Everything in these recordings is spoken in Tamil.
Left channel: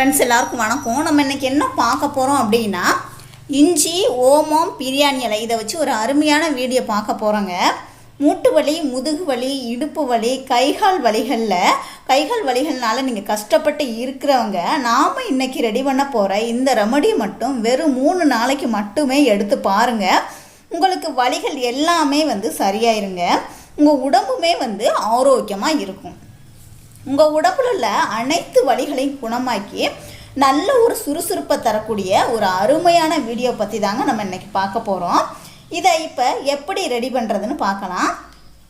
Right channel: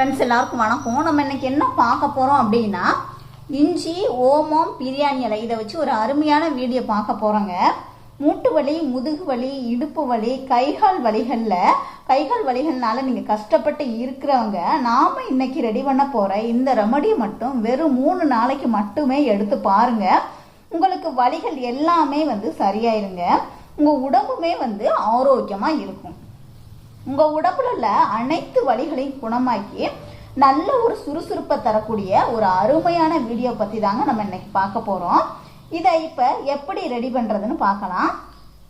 ஃப்ரெண்ட்ஸ் எல்லாருக்கும் வணக்கம். நம்ம இன்னைக்கு என்ன பார்க்க போகிறோம் அப்படின்னா இஞ்சி ஓமம் பிரியாணி இலை. இதை வச்சு ஒரு அருமையான வீடியோ பார்க்க போகிறோங்க மூட்டு வலி முதுகு வலி இடுப்பு வலி கைகால் வலிகளில். கைகால் வலிகள்னால நீங்கள் கஷ்டப்பட்டு இருக்கிறவங்க நாம் இன்றைக்கி ரெடி பண்ண போகிற இந்த ரெமடி மட்டும் வெறும் மூணு நாளைக்கு மட்டுமே எடுத்து பாருங்கள் உங்களுக்கு வலிகள் எல்லாமே வந்து சரியாயிருங்க. உங்கள் உடம்புமே வந்து ஆரோக்கியமாக இருக்கும். உங்கள் உடம்புல உள்ள அனைத்து வலிகளையும் குணமாக்கி நல்ல ஒரு சுறுசுறுப்பை தரக்கூடிய ஒரு அருமையான வீடியோ பற்றி தாங்க நம்ம இன்னைக்கு பார்க்க போகிறோம் இதை இப்போ எப்படி ரெடி பண்ணுறதுன்னு பார்க்கலாம்.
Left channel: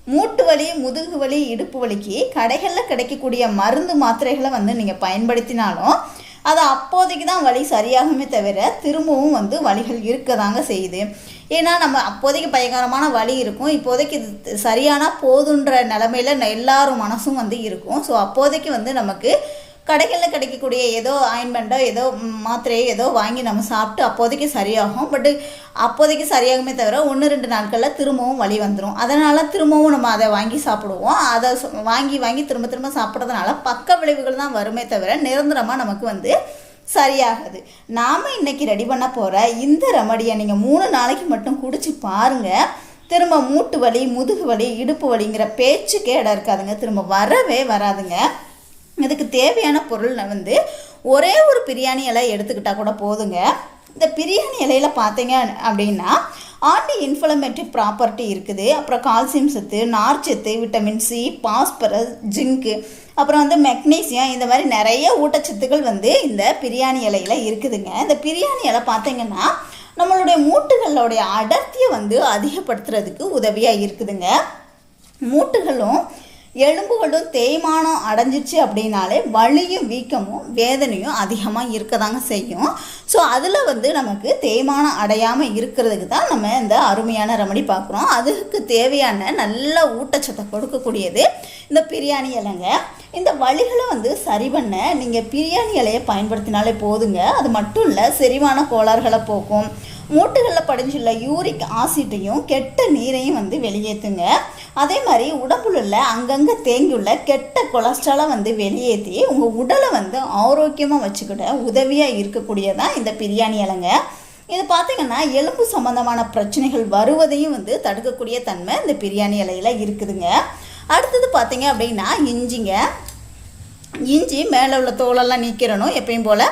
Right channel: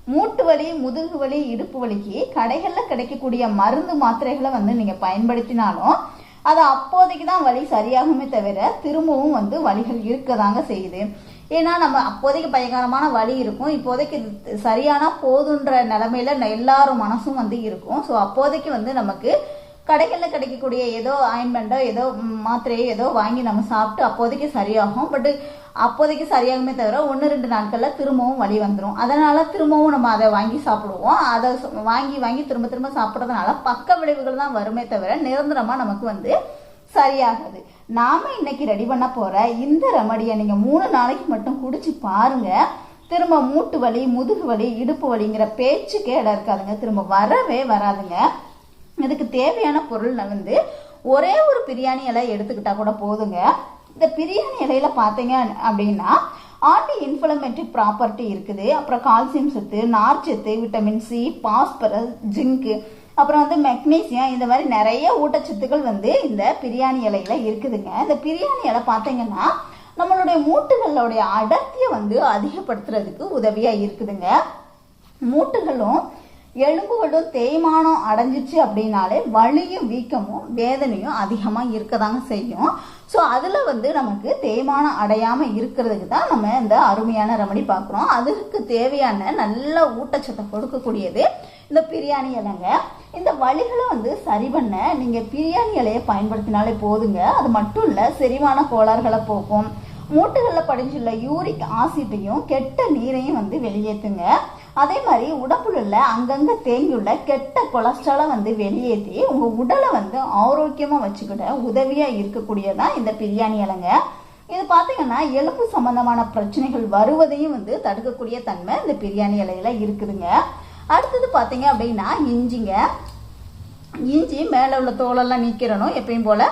மூட்டு வலி முதுகு வலி இடுப்பு வலிக்கு கடைகளில் கிடைக்கக்கூடிய மருந்து மாத்திரைகளை வந்து நீங்கள் பயன்படுத்தினாலும் அது அப்போதைக்கு தான் வலி சரியாகுமே தவிர திரும்பவும் வந்து வலிகள் இருக்க தாங்க செய்யுது. ஏன்னா நம்ம அப்போதைக்கு பயங்கரமான வலி இருக்கும். இப்போதைக்கு இது சரியான போதுன்ற நிலமையில ந- எல்லாரும் மனசும் வந்து இருக்கும். ஸோ அப்போதைக்கு வந்து நமக்கு கடைகளில் கிடைக்கக்கூடிய ஏதோ ஆயின்மெண்ட்டோ ஏதோ மாத்திரையோ ஏதோ வாங்கி நம்ம சாப்பிட்டு அப்போதைக்கு சரியாகும். பட்டு அப்போதைக்கு சரியாகுமே தவிர ஒன்று ரெண்டு நாட்களில் திரும்பவும் வலி வந்துடும் அதனால் திரும்பவும் நம்ம அதை வாங்கி சாப்பிடுவோம். அதை சு- வாங்கி வாங்கி திரும்ப திரும்ப சாப்பிட்றதுனால பக்க விளைவுகள் தான் வருமே தவிர நிரந்தரமாக நமக்கு வந்து சரியாகுது. நாம் இன்னைக்கு ரெடி பண்ண போகிற இந்த ரெமடியை நீங்கள் மூணு நாளைக்கு மட்டும் குடிச்சு பாருங்க. திரும்ப மூட்டு வலி முதுகு வலி இடுப்பு வலிங்கிற பேச்சுக்கே இடம் இருக்காதுங்க. திரும்ப வரவே வராதுங்க. இதுக்கு தேவையான பொருள் வந்து ஒரே ஒரு பிரியாணி இலை எடுத்துக்கிட்டா கூட போதுங்க. இந்த பிரியாணி இலையில பார்த்தீங்க அப்படின்னா ஆன்டி இன்ஃப்ளமேட்டரி ப்ராப்பர்ட்டி இருக்குது. அப்புறம் கால்சியம் சத்து நார்ச்சத்து விட்டமின் சி பாஸ்பரஸ் ஜிங்க்கு அப்புறம் வந்து மெக்னீசியம் இந்த மாதிரி நிறைய ஊட்டச்சத்துக்கள் வந்து இந்த பிரியாணி இலையில இருக்குதுங்க. இந்த பிரியாணி இலை பார்த்தீங்கன்னா நம்மளுடைய மூட்டுகளுடைய அடர்த்தியை வந்து அதிகப்படுத்துறதுக்கு உதவியாக இருக்குதுங்க. மூட்டுகளும் எலும்புகளும் தேய்மானம் அடைஞ்சிச்சு அப்படின்னாலே வலியும் வீக்கமும் வேதனையும் அதிகமாக இருக்க தாங்க செய்யும். ஸோ அதில் வந்து நமக்கு தேய்மானம் அடையாமல் இருக்கிறதுக்கு தான் நம்ம இந்த அருமையான ரெமடி பார்க்குறோம் அதுக்கு தேவையான நல்ல ஊட்டச்சத்தை கொடுக்கக்கூடியது இந்த பிரியாணி இலைங்க. இந்த வழிகளை வந்து சரி பண்ண நீங்கள் பிரியாணி இலையை பயன்படுத்தினாலே போதுங்க. அது மட்டும் இல்லை செரிமான கோளாறுகளை போக்கும். மூட்டுகளில் படிஞ்சுள்ள யூரிக் ஆசிட்டையும் கெட்ட நீரையும் வந்து வெளியேற்றுங்க அதே மாதிரி உடம்புல உள்ள அங்கங்கே தேங்கியுள்ள கெட்ட கொலஸ்ட்ராலை வந்து வெளியேற்றி உங்கள் உடலை வந்து ஆரோக்கியமாக வச்சுக்கிட உதவியாக இருக்கக்கூடியதான் இந்த பிரியாணி இலைங்க. இது பார்த்தீங்கன்னா எலும்பு சம்மந்தமான பிரச்சனைகள் வருவதையும் வந்து தடுக்கக்கூடிய தன்மை இந்த பிரியாணி இலையில் இருக்குதுங்க. அடுத்தது பார்த்தீங்க அப்படின்னா இஞ்சிங்க. இஞ்சி மேலே உள்ள தோலெல்லாம் நீக்கிறணும் எப்பயும் போல்.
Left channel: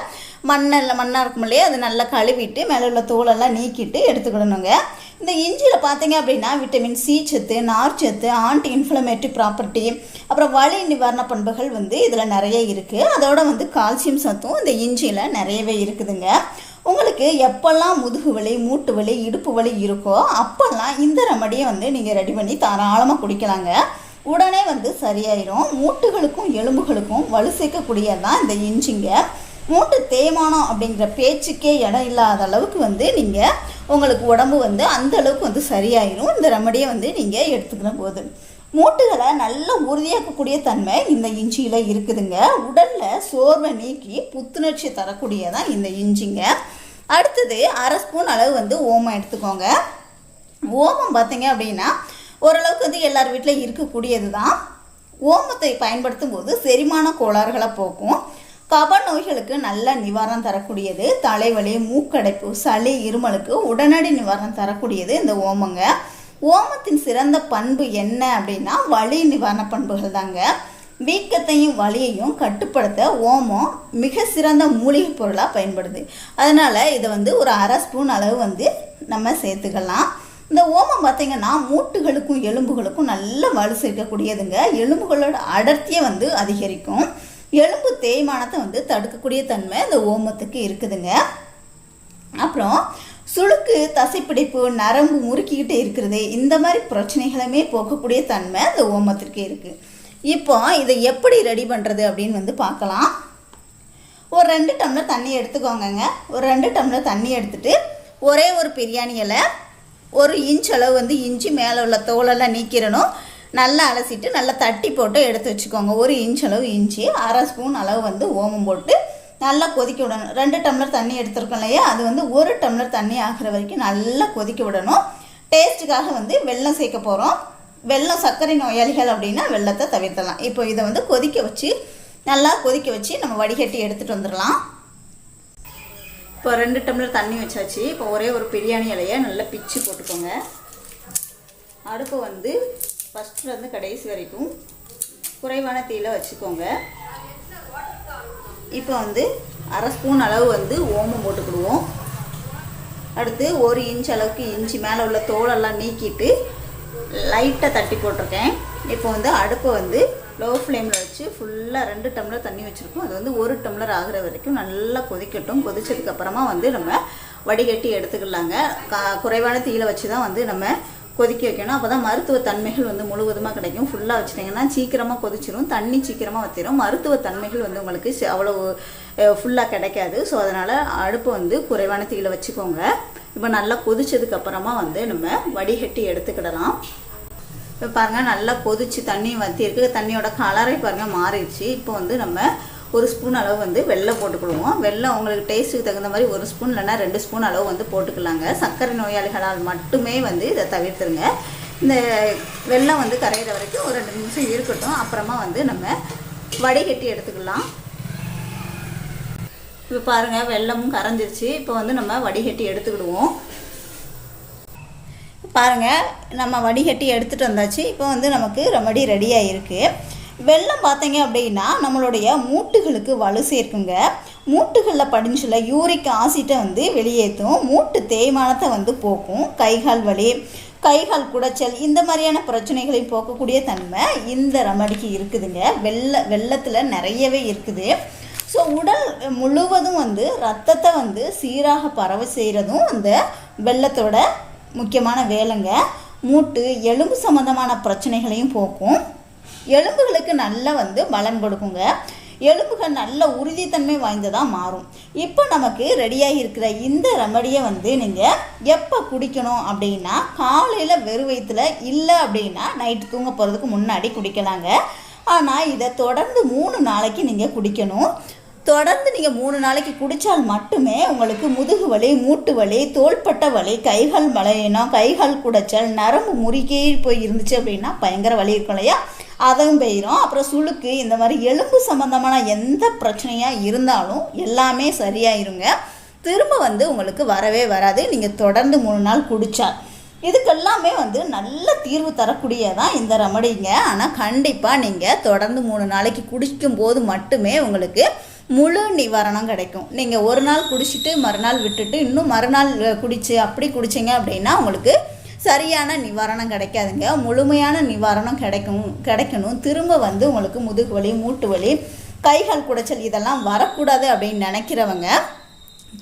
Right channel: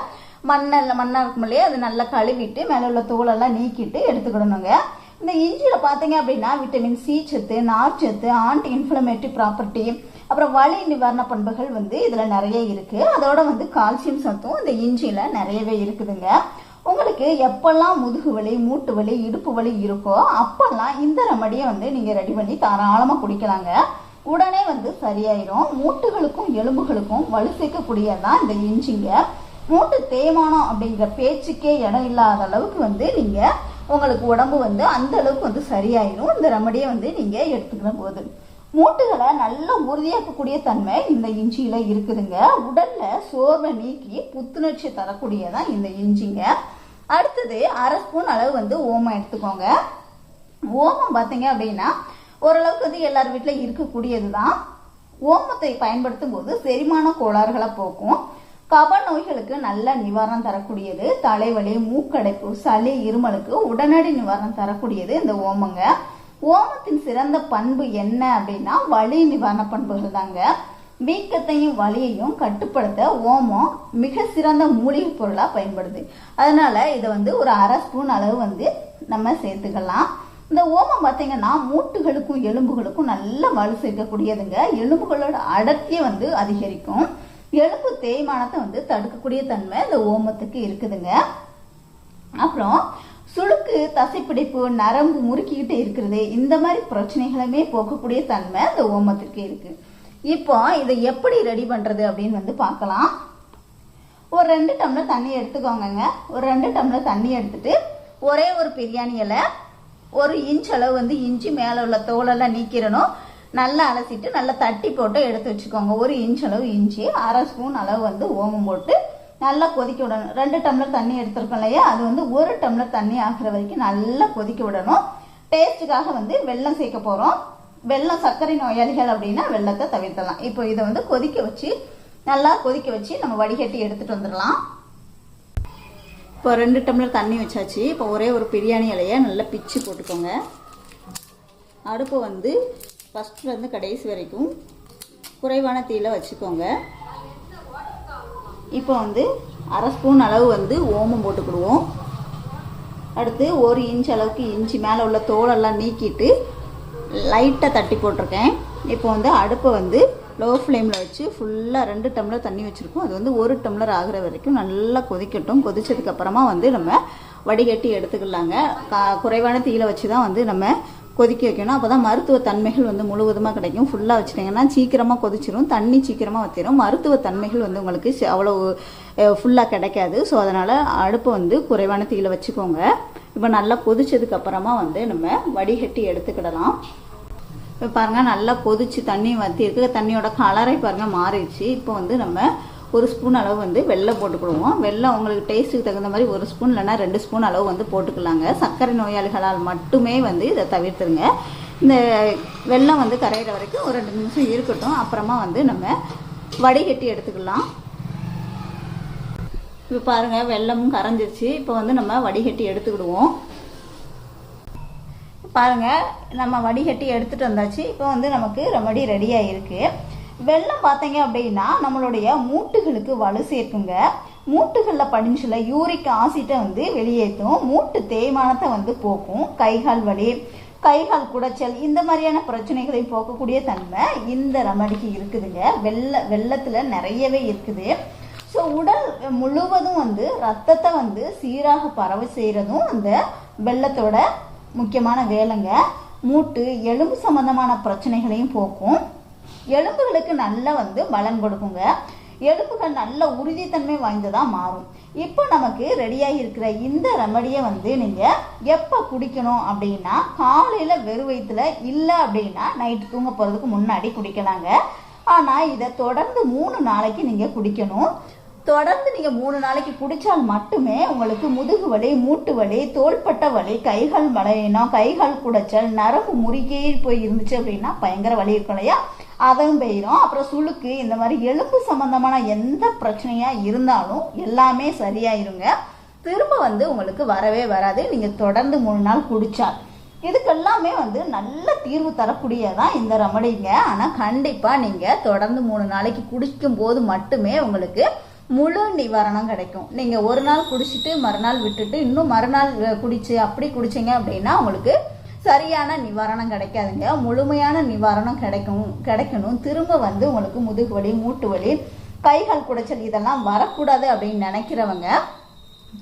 மண்ணில் மண்ணாக இருக்கும் இல்லையா? அது நல்லா கழுவிட்டு மேலே உள்ள தோலெல்லாம் நீக்கிட்டு எடுத்துக்கிடணுங்க. இந்த இஞ்சியில் பார்த்தீங்க அப்படின்னா விட்டமின் சி சத்து நார்ச்சத்து ஆன்டி இன்ஃப்ளமேட்டரி ப்ராப்பர்ட்டி அப்புறம் வலி நிவாரண பண்புகள் வந்து இதில் நிறைய இருக்குது அதோட வந்து கால்சியம் சத்தும் இந்த இஞ்சியில் நிறையவே இருக்குதுங்க. உங்களுக்கு எப்பெல்லாம் முதுகு வலி மூட்டு வலி இடுப்பு வலி இருக்கோ அப்போல்லாம் இந்த ரெமடியை வந்து நீங்கள் ரெடி பண்ணி தாராளமாக குடிக்கலாங்க. உடனே வந்து சரியாயிரும். மூட்டுகளுக்கும் எலும்புகளுக்கும் வலு சேர்க்கக்கூடியதான் இந்த இஞ்சிங்க. மூட்டு தேய்மானம் அப்படிங்கிற பேச்சுக்கே இடம் இல்லாத அளவுக்கு வந்து நீங்கள் உங்களுக்கு உடம்பு வந்து அந்த அளவுக்கு வந்து சரியாயிடும் இந்த ரெமடியை வந்து நீங்கள் எடுத்துக்கிற போது. மூட்டுகளை நல்ல உறுதியாக்கக்கூடிய தன்மை இந்த இஞ்சியில் இருக்குதுங்க. உடலில் சோர்வை நீக்கி புத்துணர்ச்சி தரக்கூடியதான் இந்த இஞ்சிங்க. அடுத்தது அரை ஸ்பூன் அளவு வந்து ஓமம் எடுத்துக்கோங்க. ஓமம் பார்த்தீங்க அப்படின்னா ஓரளவுக்கு வந்து எல்லார் வீட்டில் இருக்கக்கூடியது தான் ஓமத்தை பயன்படுத்தும் போது செரிமான கோளாறுகளை போக்கும். கப நோய்களுக்கு நல்ல நிவாரணம் தரக்கூடியது. தலைவலி மூக்கடைப்பு சளி இருமலுக்கு உடனடி நிவாரணம் தரக்கூடியது இந்த ஓமங்க. ஓமத்தின் சிறந்த பண்பு என்ன அப்படின்னா வலி நிவாரண பண்புகள் தாங்க. வீக்கத்தையும் வலியையும் கட்டுப்படுத்த ஓமம் மிக சிறந்த மூலிகை பொருளாக பயன்படுது. அதனால் இதை வந்து ஒரு அரை ஸ்பூன் அளவு வந்து நம்ம சேர்த்துக்கலாம். இந்த ஓமம் பார்த்திங்கன்னா மூட்டுகளுக்கும் எலும்புகளுக்கும் நல்ல வலு சேர்க்கக்கூடியதுங்க. எலும்புகளோட அடர்த்தியை வந்து அதிகரிக்கும். எலும்பு தேய்மானத்தை வந்து தடுக்கக்கூடிய தன்மை இந்த ஓமத்துக்கு இருக்குதுங்க. அப்புறம் சுளுக்கு தசைப்பிடிப்பு நரம்பு முறுக்கிக்கிட்டே இருக்கிறது இந்த மாதிரி பிரச்சனைகளுமே போகக்கூடிய தன்மை இந்த ஓமத்திற்கு இருக்கு. இப்போ இதை எப்படி ரெடி பண்ணுறது அப்படின்னு வந்து பார்க்கலாம். ஒரு ரெண்டு டம்ளர் தண்ணி எடுத்துக்கோங்கங்க. ஒரு ரெண்டு டம்ளர் தண்ணி எடுத்துட்டு ஒரே ஒரு பிரியாணி இலை ஒரு இன்ச் அளவு வந்து இஞ்சி மேலே உள்ள தோலெல்லாம் நீக்கிடணும். நல்லா அலசிட்டு நல்லா தட்டி போட்டு எடுத்து வச்சுக்கோங்க. ஒரு இன்ச் அளவு இஞ்சி அரை ஸ்பூன் அளவு வந்து ஓமம் போட்டு நல்லா கொதிக்க விடணும். ரெண்டு டம்ளர் தண்ணி எடுத்துருக்கோம் இல்லையா? அது வந்து ஒரு டம்ளர் தண்ணி ஆகிற வரைக்கும் நல்லா கொதிக்க விடணும். டேஸ்ட்டுக்காக வந்து வெள்ளம் சேர்க்க போகிறோம் வெல்லம் சர்க்கரை நோயாளிகள் அப்படின்னா வெள்ளத்தை தவிர்த்தலாம் இப்போ இதை வந்து கொதிக்க வச்சு நல்லா கொதிக்க வச்சு நம்ம வடிகட்டி எடுத்துகிட்டு வந்துடலாம். இப்போ ரெண்டு டம்ளர் தண்ணி வச்சாச்சு. இப்போ ஒரே ஒரு பிரியாணி இலையை நல்லா பிச்சு போட்டுக்கோங்க. அடுப்பை வந்து ஃபஸ்ட்லேருந்து கடைசி வரைக்கும் குறைவான தீயில் வச்சுக்கோங்க. இப்போ வந்து அரை ஸ்பூன் அளவு வந்து ஓமம் போட்டுக்கிடுவோம். அடுத்து ஒரு இன்ச் அளவுக்கு இன்ச்சு மேலே உள்ள தோலெல்லாம் நீக்கிட்டு லைட்டாக தட்டி போட்டிருக்கேன். இப்போ வந்து அடுப்பை வந்து லோ ஃப்ளேமில் வச்சு ஃபுல்லாக ரெண்டு டம்ளர் தண்ணி வச்சுருக்கோம். அது வந்து ஒரு டம்ளர் ஆகிற வரைக்கும் நல்லா கொதிக்கட்டும். கொதிச்சதுக்கப்புறமா வந்து நம்ம வடிகட்டி எடுத்துக்கலாங்க. கா குறைவான தீயில வச்சு தான் வந்து நம்ம கொதிக்க வைக்கணும். அப்போ தான் மருத்துவ தன்மைகள் வந்து முழுவதுமாக கிடைக்கும். ஃபுல்லாக வச்சிட்டிங்கன்னா சீக்கிரமாக கொதிச்சிடும் தண்ணி சீக்கிரமாக வத்திரும். மருத்துவ தன்மைகள் வந்து உங்களுக்கு அவ்வளோ ஃபுல்லாக கிடைக்காது. ஸோ அதனால் அடுப்பை வந்து குறைவான தீயில வச்சுக்கோங்க. இப்போ நல்லா கொதிச்சதுக்கு அப்புறமா வந்து நம்ம வடிகட்டி எடுத்துக்கிடலாம். இப்போ பாருங்கள் நல்லா கொதிச்சு தண்ணி வத்தியிருக்கு. தண்ணியோட கலரை பாருங்கள் மாறிடுச்சு. இப்போ வந்து நம்ம ஒரு ஸ்பூன் அளவு வந்து வெள்ளம் போட்டுக்கிடுவோம். வெள்ளம் உங்களுக்கு டேஸ்ட்டுக்கு தகுந்த மாதிரி ஒரு ஸ்பூன் இல்லைன்னா ரெண்டு ஸ்பூன் அளவு வந்து போட்டுக்கலாங்க. சர்க்கரை நோயாளிகளால் மட்டுமே வந்து இதை தவிர்த்துருங்க. இந்த வெல்லம் வந்து கரையிற வரைக்கும் ஒரு ரெண்டு நிமிஷம் இருக்கட்டும். அப்புறமா வந்து நம்ம வடிகட்டி எடுத்துக்கலாம். இப்போ பாருங்கள் வெள்ளமும் கரைஞ்சிருச்சு. இப்போ வந்து நம்ம வடிகட்டி எடுத்துக்கிடுவோம். பாருங்கள் நம்ம வடிகட்டி எடுத்துகிட்டு வந்தாச்சு. இப்போ வந்து நமக்கு ரெமடி ரெடியாக இருக்குது வெள்ளம் பார்த்தீங்க அப்படின்னா நம்மளுடைய மூட்டுகளுக்கு வலு சேர்க்குங்க. மூட்டுகளில் படிஞ்சுள்ள யூரிக் ஆசிட்டை வந்து வெளியேற்றும் மூட்டு தேய்மானத்தை வந்து போக்கும். கைகால் வலி கைகால் குடைச்சல் இந்த மாதிரியான பிரச்சனைகளையும் போக்கக்கூடிய தன்மை இந்த ரெமடிக்கு இருக்குதுங்க. வெள்ள வெள்ளத்தில் நிறையவே இருக்குது. ஸோ உடல் முழுவதும் வந்து ரத்தத்தை வந்து சீராக பரவ செய்கிறதும் அந்த வெள்ளத்தோட முக்கியமான வேலைங்க. மூட்டு எலும்பு சம்மந்தமான பிரச்சனைகளையும் போக்கும். எலும்புகளுக்கு நல்லா வந்து பலன் கொடுக்குங்க. எலும்புகள் நல்ல உறுதித்தன்மை வாய்ந்ததாக மாறும். இப்போ நமக்கு ரெடியாகி இருக்கிற இந்த ரெமடியை வந்து நீங்கள் எப்போ குடிக்கணும் அப்படின்னா காலையில் வெறும் வயிற்றுல இல்லை அப்படின்னா நைட்டு தூங்க போகிறதுக்கு முன்னாடி குடிக்கலாங்க. ஆனால் இதை தொடர்ந்து மூணு நாளைக்கு நீங்கள் குடிக்கணும். தொடர்ந்து நீங்கள் மூணு நாளைக்கு குடித்தால் மட்டுமே உங்களுக்கு முதுகு வலி மூட்டு வலி தோள்பட்ட வலி கைகள் வளையணும் கைகள் குடைச்சல் நரம்பு முறுக்கே போய் இருந்துச்சு அப்படின்னா பயங்கர வலி இருக்கும் இல்லையா? அதுவும் போயிடும் அப்புறம் சுளுக்கு இந்த மாதிரி எலும்பு சம்மந்தமான எந்த பிரச்சனையாக இருந்தாலும் எல்லாமே சரியாயிருங்க. திரும்ப வந்து உங்களுக்கு வரவே வராது. நீங்கள் தொடர்ந்து மூணு நாள் குடிச்சா. இதுக்கெல்லாமே வந்து நல்ல தீர்வு தரக்கூடியதான் இந்த ரெமடிங்க. ஆனால் கண்டிப்பாக நீங்கள் தொடர்ந்து மூணு நாளைக்கு குடிக்கும் போது மட்டுமே உங்களுக்கு முழு நிவாரணம் கிடைக்கும். நீங்கள் ஒரு நாள் குடிச்சிட்டு மறுநாள் விட்டுட்டு இன்னும் மறுநாள் குடிச்சு அப்படி குடிச்சிங்க அப்படின்னா உங்களுக்கு சரியான நிவாரணம் கிடைக்காதுங்க. முழுமையான நிவாரணம் கிடைக்கும் கிடைக்கணும். திரும்ப வந்து உங்களுக்கு முதுகு வலி மூட்டு வலி கைகால் குடைச்சல் இதெல்லாம் வரக்கூடாது அப்படின்னு நினைக்கிறவங்க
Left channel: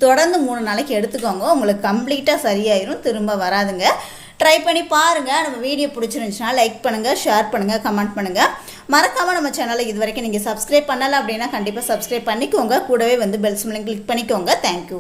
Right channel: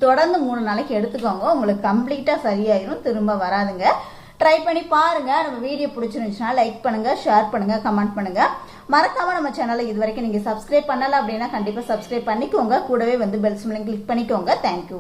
தொடர்ந்து மூணு நாளைக்கு எடுத்துக்கோங்க. உங்களுக்கு கம்ப்ளீட்டாக சரியாயிரும். திரும்ப வராதுங்க. ட்ரை பண்ணி பாருங்கள் நம்ம வீடியோ பிடிச்சிருந்துச்சுன்னா லைக் பண்ணுங்கள் ஷேர் பண்ணுங்கள் கமெண்ட் பண்ணுங்கள் மறக்காமல் நம்ம சேனலை இது வரைக்கும் நீங்கள் சப்ஸ்கிரைப் பண்ணலை அப்படின்னா கண்டிப்பாக சப்ஸ்கிரைப் பண்ணிக்கோங்க. கூடவே வந்து பெல் சிம்லையும் கிளிக் பண்ணிக்கோங்க. Thank you